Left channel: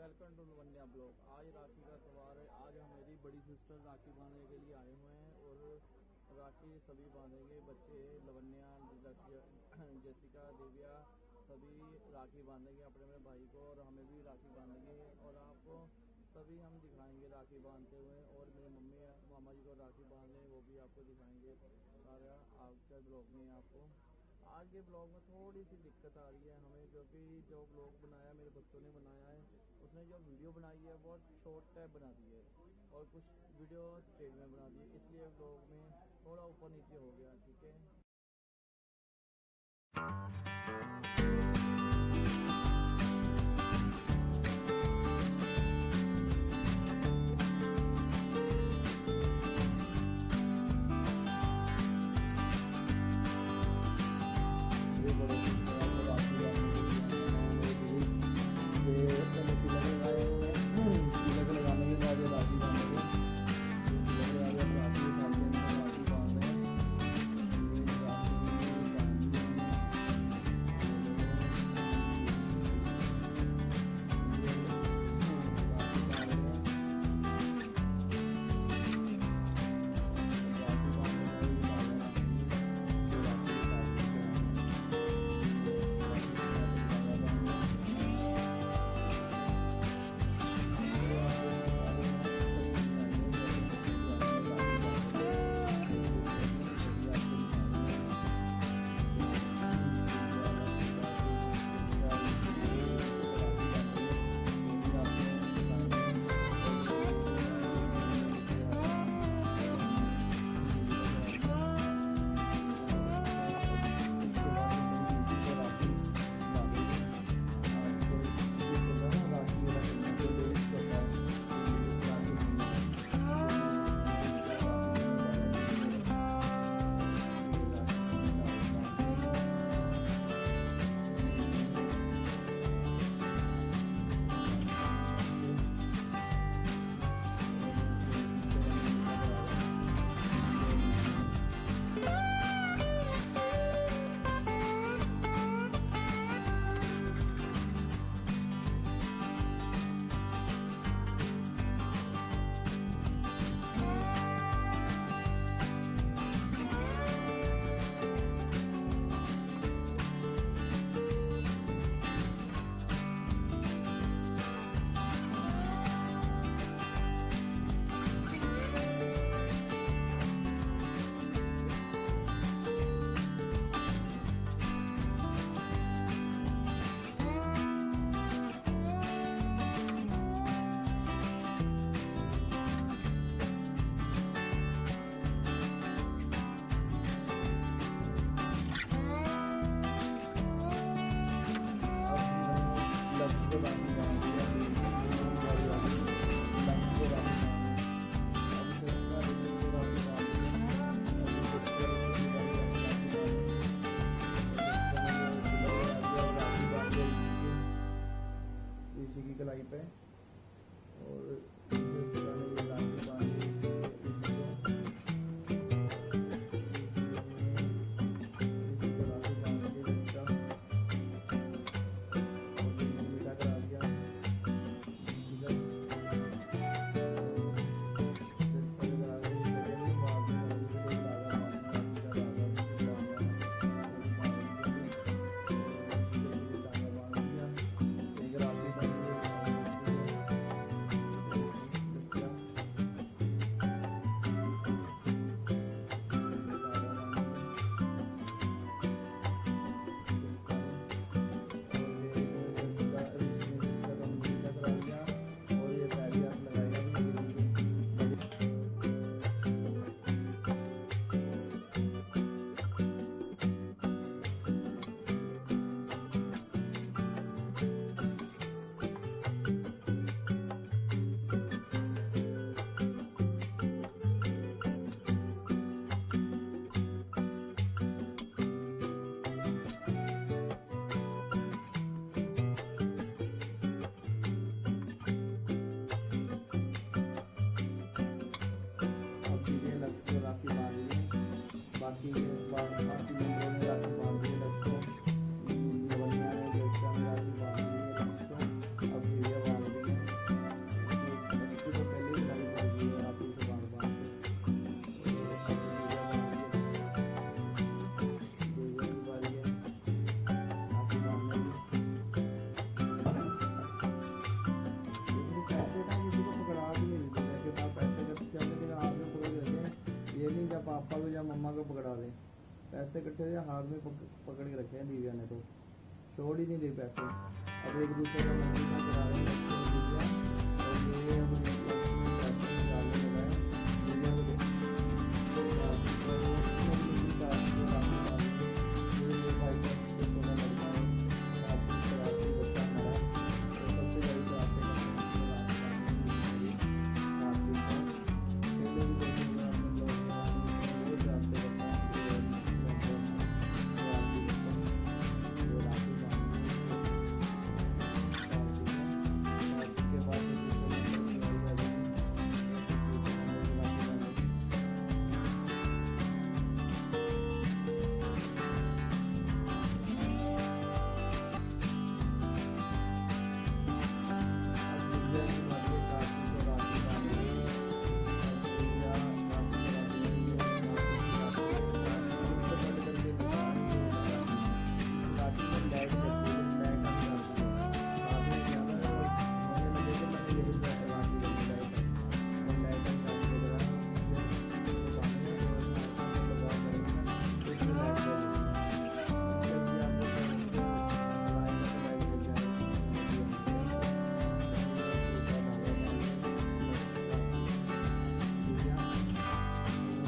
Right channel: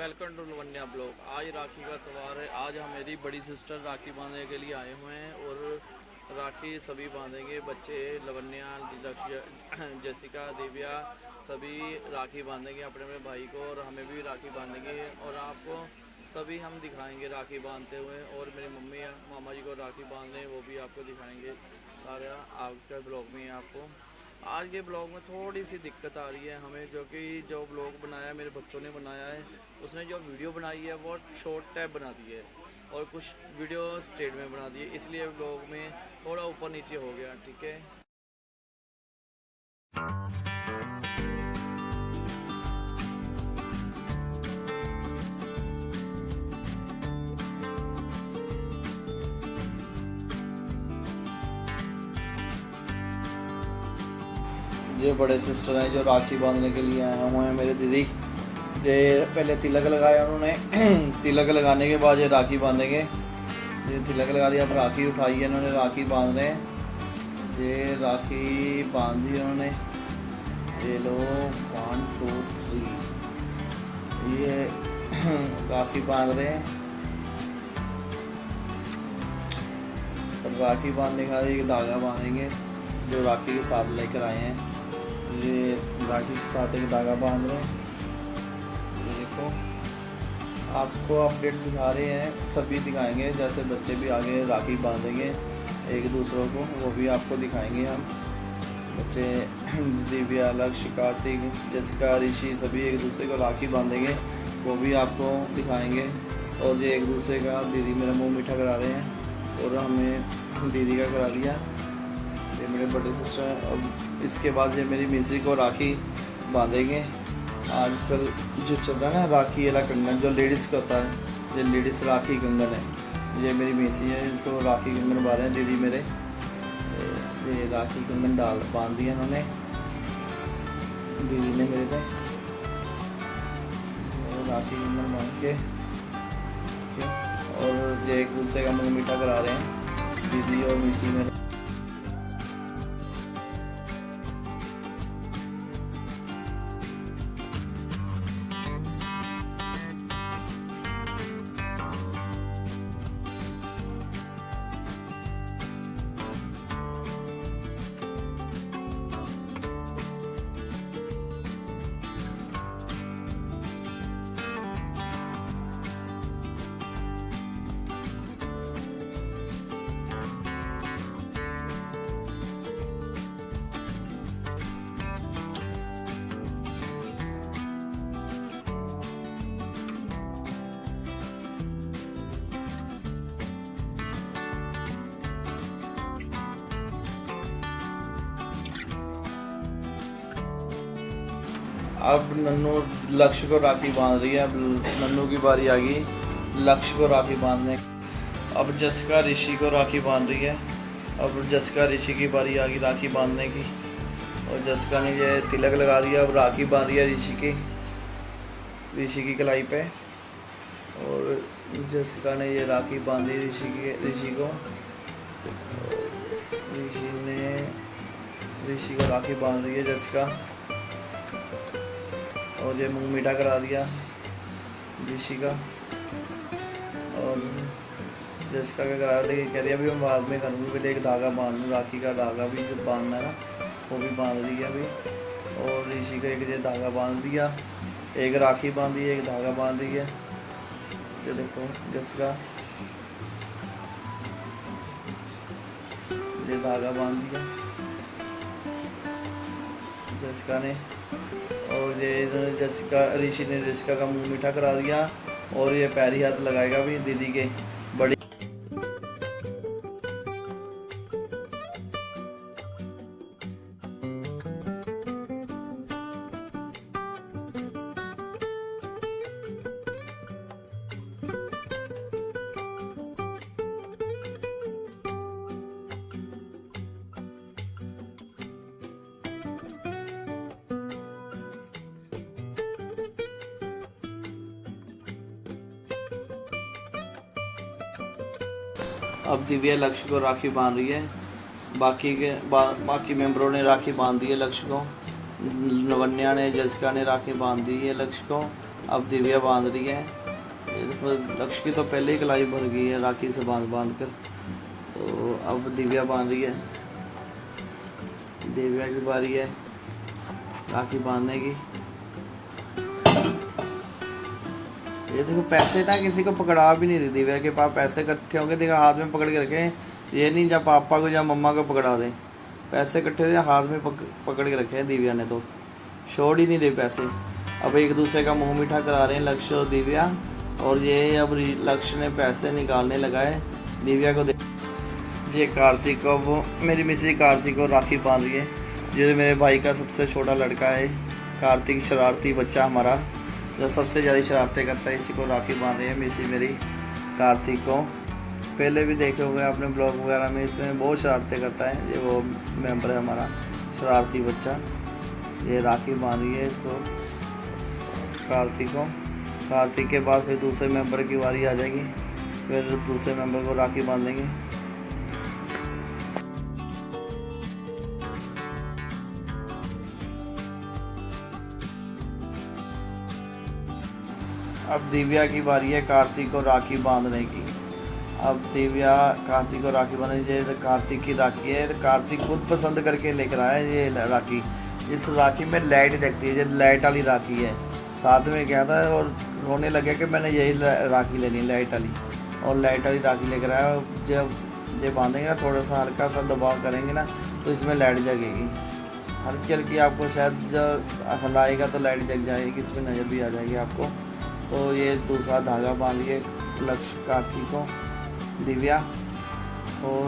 Welcome to Lavanya blog. आज राखी का त्यौहार है। आज हम मेरी बड़ी सिस्टर राखी बांधने के लिए आए हुए हैं और राखी सभी बांधेंगे। बच्चे लवन्या, जसिका, दिव्या सभी राखी बांधेंगे अपने अपने भाई को और हमें भी राखी बांधेंगे और आपको सभी हम दिखाएंगे राखी बांधते हुए। और मेरी मम्मी मामा जी को राखी बांध रहे हैं, वो भी आपको दिखाएंगे। सारा आपके ब्लॉग में आपको आज के ब्लॉग में थोड़ी सी दिक्कत आ रही है हमें, जो कि जो ब्लॉग बनाया मेरे बच्चों ने बनाया है, उसने जो वीडियो बनाई है वो शॉर्ट टैब बना दी है और कुछ वीडियो स्ट्रेट में बना दी है, इसलिए ब्लॉग में थोड़ा ऊपर नीचे हो गया। ठीक है। ये बड़े सिस्टर हैं जो राखी बांधने के लिए आए हुए हैं। मेरे दीदी ये पहले तिलक लगाया उन्होंने तिलक लगाने के बाद ये राखी बांधेंगे। ये तिलक लगा दिया, अब राखी उठाई है इन्होंने, राखी बांध रहे हैं। ये राखी बांध दी उन्होंने। ये लो 1 2 3 ये राखी बांध रहे हैं। राखी बांधने के बाद एक धागा बांधेंगे जो राखी के साथ लेकर आए हैं। ये राखी के साथ एक धागा बांध रहे हैं। देखो आपको अपडेट दिखा रहे हैं, सभी दिखाएंगे। जैसे बच्चे भी आगे राखी बांधेंगे एक दूसरों को, वो भी आपको दिखाएंगे हम। बच्चे दिव्या, लक्ष्य, कार्तिक, जसिका, ऋषि सभी एक दूसरे को राखी बांधेंगे, वो भी आपको दिखाएंगे। और ये एक दूसरे का दीदी मेरा मुँह मीठा करा रहे हैं और हमने दीदी का करा दिया। ये मेरे बड़े सिस्टर। अब इसके बाद ये मेरी मिसी को राखी बांधेंगे। आजकल जो चल रहा है ना राखी वाला कंगन, जो लेडीज़ का होता है, ये लेडीज़ राखी कंगन है। ये मेरी मिसी है, इनको राखी कंगन बांध रहे हैं दीदी मेरे। ये राखी कंगन बांध दिया उन्होंने दीदी ने मेरे को। राखी कंगन बांध के और ये एक दूसरे का मुँह मीठा करा रहे हैं दीदी और मिसी मेरे। अब नन्नू लक्ष्य को राखी बांध रही है। अब नन्नू की बारी आ गई लक्ष्य को राखी बांधने। अब जसिका ऋषि को राखी बांध रही है। अब जसिका ऋषि की बारी आ गई राखी बांधने की और जसिका ने ये तिलक लगा दिया। अब राखी बांध रही है ऋषि की कलाई पे। और जसिका ने ये राखी बांधी ऋषि को। ऋषि को राखी बांध रही है जसिका और ये मुँह मीठा करा दिया ऋषि का। और जसिका का करा रही कह रही अभी हम बाद में करूँगी, पहले एक धागा बांध, राखी का धागा भी जो बांधना ना वो भी बांध रही है अभी। और ऋषि का एक ये धागा बांध दिया, एक राखी बांधी, एक धागा बांध रही है। ये देखो जसिका ये धागा बांध दिया जसिका ने। और ये जसिका ऋषि ने जसिका का मुंह मीठा करा दिया और ये पैरी हाथ लगाएगा भी दीदी के बड़ी। अब दिव्या लक्ष्य को राखी बांध रही है। बाकी मेंबरों ने राखी बांध दी है लक्ष्य को। लवन्या ने, जसिका ने राखी बांध दी है लक्ष्य को। अब दिव्या बांध रही है। लक्ष्य की तो पहले ही कलाई भर गई है राखी से बांध कर, तो अब दिव्या बांध रही है। दिव्या की बारी है राखी बांधने की। ये देखो पैसे ना किसी को पकड़ा भी नहीं दी। दिव्या के पास पैसे इकट्ठे होंगे, देखो हाथ में पकड़ के रखे। ये नहीं जब पापा को या मम्मा को पकड़ा दें, पैसे इकट्ठे हाथ में पकड़ के रखे हैं दिव्या ने, तो छोड़ ही नहीं रहे पैसे। अब एक दूसरे का मुंह मीठा करा रहे हैं लक्ष्य और दिव्या। और ये अब लक्ष्य ने पैसे निकालने लगाए दिव्या को। ये कार्तिक को, वो मेरी मिसेज कार्तिक को राखी बांध रही है। जो मेरे भाई का सबसे छोटा लड़का है कार्तिक, शरारती बच्चा हमारा, जो सबसे ज़्यादा शरारतें करता है, इसी को राखी बांध रही है मिसेज मेरी कार्तिक को। पहले भी देखे हुए आपने ब्लॉग वगैरह में, इसमें बहुत शरारतें करता है। ये वो मेंबर है हमारा शरारती बच्चा। ये राखी बांध रही है इसको कार्तिक को। कार्तिक के बाद फिर दूसरे मेंबर की बारी आ जाएगी, फिर दूसरे मेंबर को राखी बांधेंगे। अब दिव्या की बारी है कार्तिक को राखी बांधने की। अब दिव्या कार्तिक को राखी बांधने, ये कार्तिक की राखी है। कार्तिक खुद पसंद करके लेकर आया है ये राखी। इस राखी में लाइट दिखती है, ये लाइट वाली राखी है। साथ में गया था और रोने लगे कि मैंने यही राखी लेनी, लाइट वाली। और लाइट वाली राखी लेकर आया। जब ये बांधेंगे ना, थोड़ा सा हल्का सा दबाव करेंगे ना, तो इसमें लाइट जगेगी हल्की हल्की। आपको शायद जब हलाएगा तो लाइट जग जाएगी, इसमें नज़र भी आ जाएगी आपको। तो ये दूसरा धागा बांध के लक्ष्य कार्तिक को दिव्या, और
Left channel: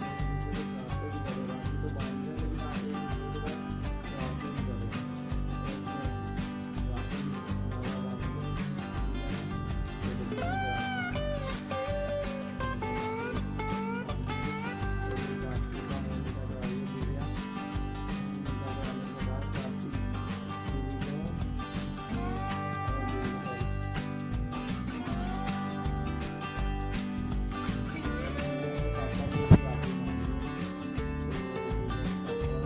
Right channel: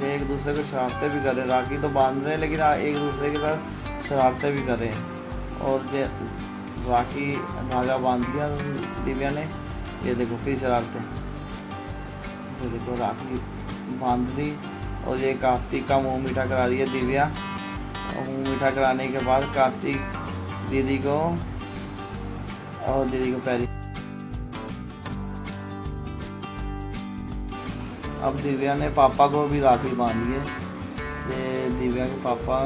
ये एक दूसरे को शरारतें भी कर रहे हैं। राखी तो बांध रहे हैं लेकिन एक दूसरे के साथ शरारतें भी कर रहे हैं। और ये राखी धागा बांध दिया दिव्या ने। ये देखो फिर शरारतें, ये देखो राखी बांध दी। और ये कार्तिक का मुँह मीठा करा रही है दिव्या। और मुँह मीठा कराने के बाद कार्तिक दीदी को और दीदी को पैरी। अब दिव्या ने पापा को भी राखी बांधी है। ये दिव्या के पापा,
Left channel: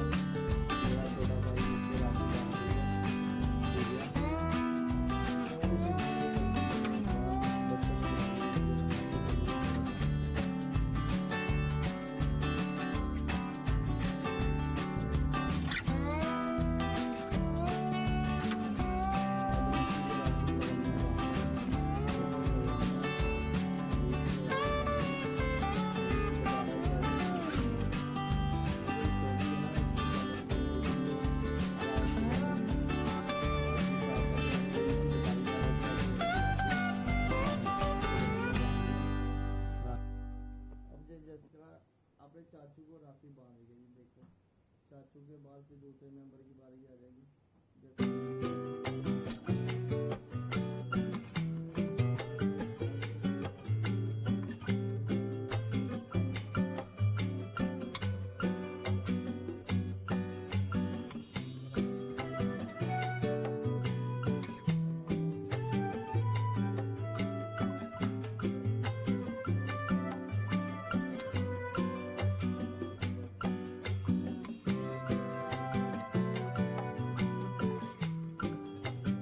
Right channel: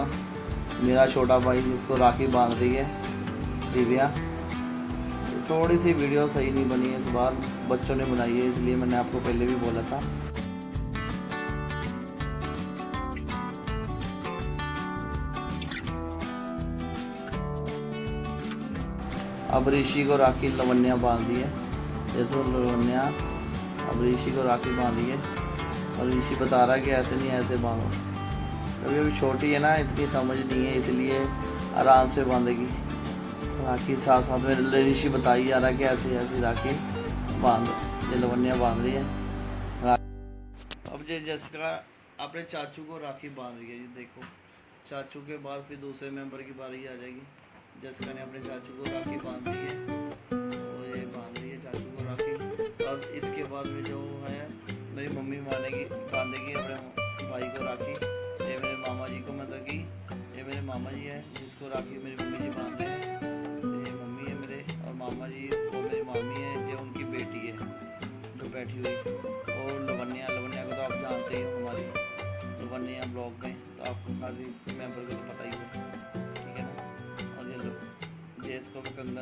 मेरा छोटा भाई, जिसको राखी बांध रही है दिव्या। थोड़ी सी वीडियो सही नहीं बनी है इस बार, बच्चों ने बनाई है, इसलिए मैंने आपको पहले भी बोला था। अब ऋषि को राखी लवन्या बांध दी है। ये तो लवन्या अब ऋषि को राखी बांधी है। और ऋषि बता रहा है कि ऐसे नहीं ऐसे बांधो। अभी अभी छोटी है ना, इतनी समझ नहीं है, इसलिए आराम से बांधेगी राखी। साथ साथ में ऋषि बता ही आ रहा है कि ऐसी ऐसी राखी बांध, ये लवन्या बांध रही है। अब ये जसिका अपने चाचू को राखी बांध रही है। ये देखो, चाचू के बाद फिर दूसरे मेंबर की बारी आ जाएगी। जसिका ने अपने चाचू को राखी बांध दी है। और ये बांध रही है चाचू को राखी। और इसके बाद में जो है मेरी मम्मी बांधेगी अपने भाई को राखी। ये मेरे मामा जी को, मतलब कि ये मेरे मामा जी है, इसको राखी मेरी मम्मी जी बांध रही है। ये मम्मी है मेरे, और मामा जी मेरी मामी है, जो उनकी बेटी है जो बैठी हुई। और लवन्या को तो आप जानते ही हो, हमारी लवन्या ब्लॉग में, तो आपको सारी मेंबर को पता ही होगा, ठीक है ना। और ये लोग, ये इसको कंगन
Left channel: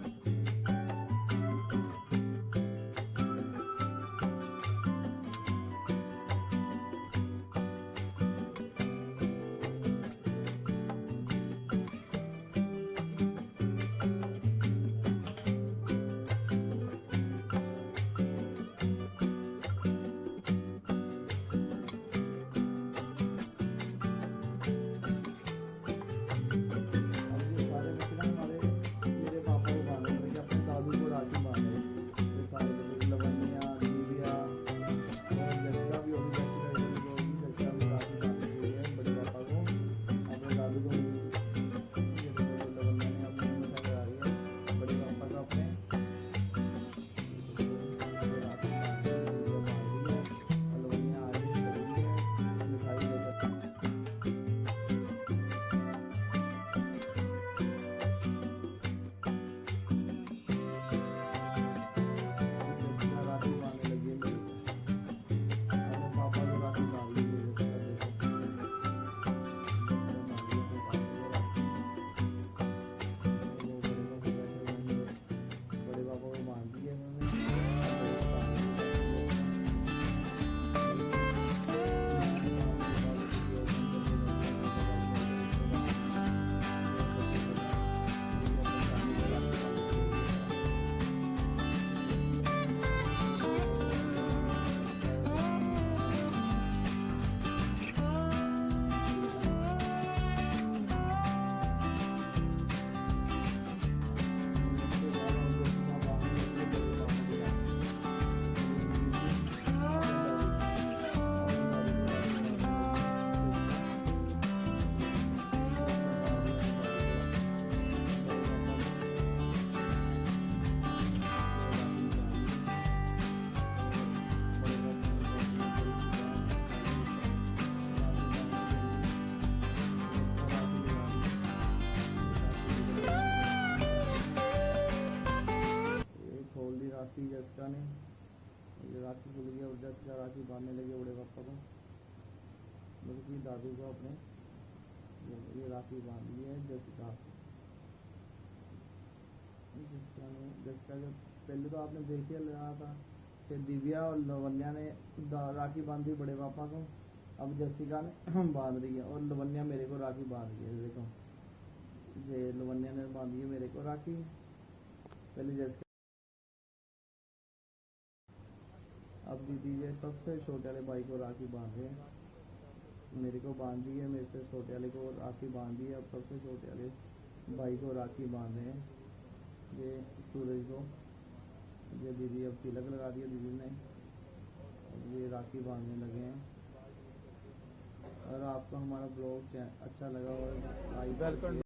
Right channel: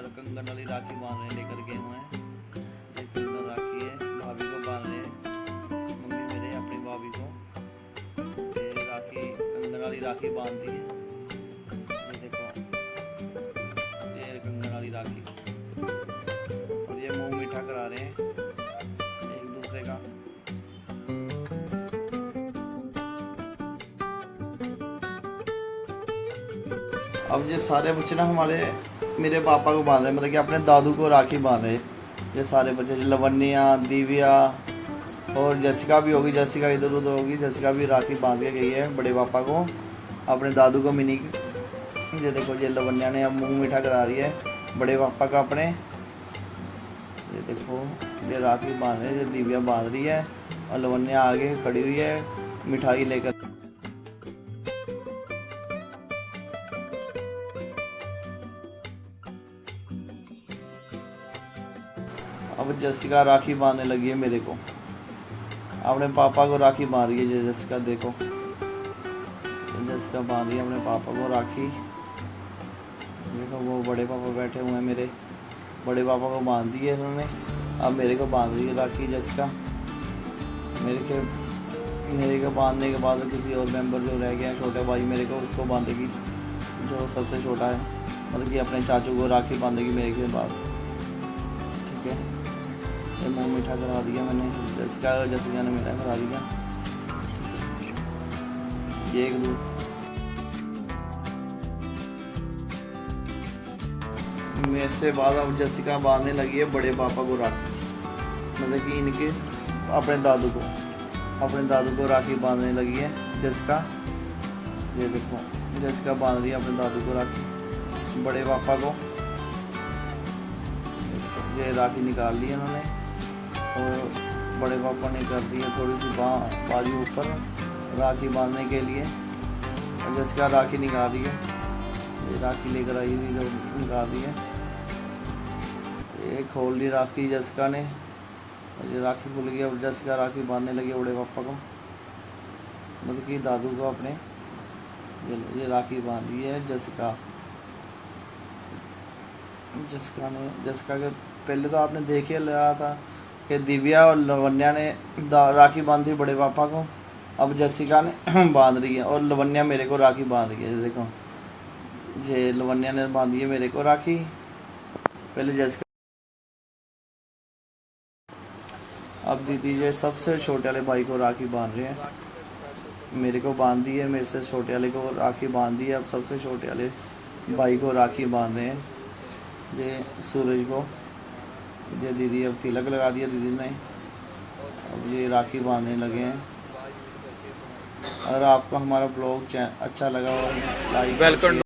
वाली राखी बांधने लेकर गए हुए हैं। ये कंगन राखी है, भाभी को बांध रहे हैं, मेरे अपनी भाभी को ये राखी, कंगन वाली राखी बांध दी है। ये देखो, ये कंगन वाली राखी। और ये मुंह मीठा करा रहे हैं एक दूसरे का। अब ये सारे बच्चे ना हमारे, मेरे पापा को बांध रहे, मतलब कि अपने दादू को राखी बांध रहे। ये सारे बच्चे, लवन्या, दिव्या और जसिका भी होगी। जसिका इधर उधर होगी। जसिका भी राखी बांध के गई है बड़े पापा को, अपने दादू को मिनी। ये देखो, ये लवन्या ने अब मुंह मीठा करा रही है बड़े पापा का अपने। ये देखो, ये राखी बांध रही है, ये दिव्या बांध रही है और लवन्या आगे खड़ी हुई है मिठाई लेकर। अब जसिका राखी बांधने लगी है मेरे को, अपने पापा को राखी बांध रही है। जसिका देखो, जसिका बांध रही है अपने पापा को राखी। बड़े पापा बैठे हुए हैं मेरे, बड़े पापा को बांध दिए इन्होंने, अब मेरे को बांध रही है राखी जैसिका। मेरे को बांधने के बाद किसी और मेंबर जो रह गया छोटे भाई मेरे को, उसको बांधेगी, जो सबसे छोटा है, मतलब कि अपने चाचू को राखी बांधेगी मेरे के बाद। ठीक है, तो मैं मीठा करा दिया मैंने, जैसिका ने मीठा करा दिया। ये मेरे से बाद अब जैसिका बांधने लगी है बड़े पापा को राखी, मतलब कि इनके अपने दादू को राखी बांधने लगी है जैसिका। ये देखो जैसिका बांध रही है अपने दादू को राखी, बड़े पापा को ये राखी निकाल ली उन्होंने, और बड़े पापा ने कर दी है थोड़ी सी बाजू ऊपर राखी बांधने के लिए। जैसिका राखी निकाल रही है, ये राखी लेकर आई थी जो निकाल दी है, ये खोल ली राखी जैसिका ने, ये राखी खुल गई। अब जैसिका राखी बांधने लगी बड़े पापा को, मतलब कि दादू को अपने। ये राखी बांध ली है जैसिका के पहले तो आपने देख ही लिया था कि दिव्या और लवन्या ने राखी बांधी बड़े पापा को, अब जैसिका ने बांध रही है, और लवन्या मेरे को राखी बांध रही है। देखो ये लवन्या ने बांधी है मेरे को राखी, पहले जैसिका। अब दीदी ये सबसे छोटे वाले भाई को राखी बांध रहे हैं, मेरे को बांध दी है, मेरे से छोटे वाले को राखी बांध दी है, अब सबसे छोटे वाले भाई को राखी बांध रहे हैं, ये सूरज को। ये दीदी अब तिलक लगा दिया दीदी ने, अब ये राखी बांधने लगे हैं। अगर आपको हमारा ब्लॉग अच्छा लगा हो लाइक